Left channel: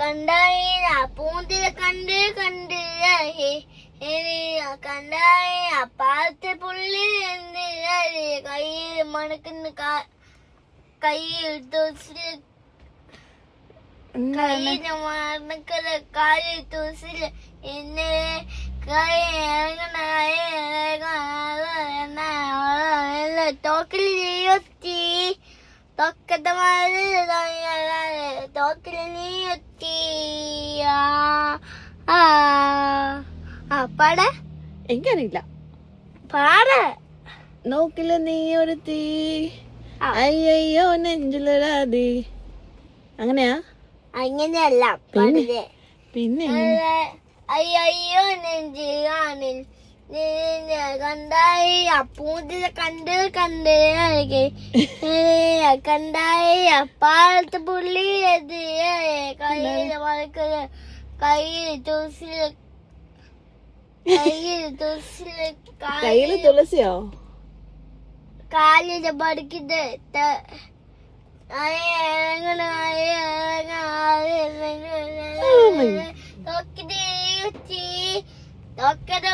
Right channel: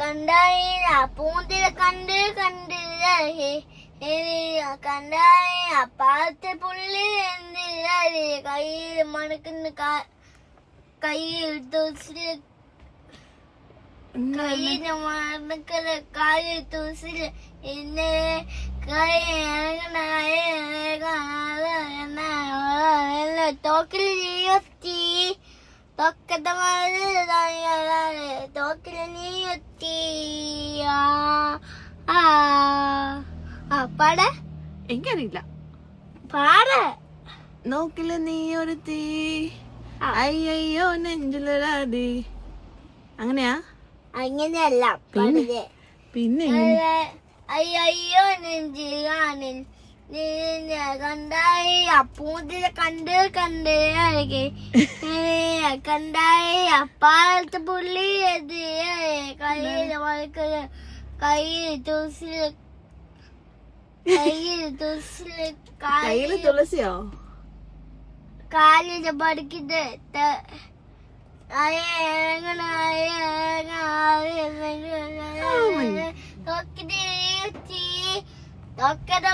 കണ്ടായ പൂന്തിര കണ്ട് കണ്ട് കണ്ടായ പാലത്തെ പുള്ളി എന്ത് കയ്യിൽ മണക്കുന്ന കയ്യിൽ തുസില് കയ്യിൽ മണക്കുന്ന കാലിൽ തുസില് എന്നെ തോക്കിൽ നീയൊത്തി തോക്കത്ത തോക്കിൽ നീയൊത്തി പാട എനിക്കറിയില്ല. പാട നോക്കില്ല നീ ഒരു തീ അയ്യോ നെഞ്ചിലൊരാതി. അങ്ങനെയാ? അങ്ങനെയല്ല പാടില്ലേ. പിന്നെ അയ്യോ നെഞ്ചിലാണിൽ കണ്ടായി പൂന്തിര കണ്ട് കണ്ട് കണ്ടായി പാലത്തെ പുള്ളി കയ്യിൽ വളക്കുന്ന കയ്യിൽ തുളസിയോ കാലിൽ പഠിക്കുന്നത് തോക്കത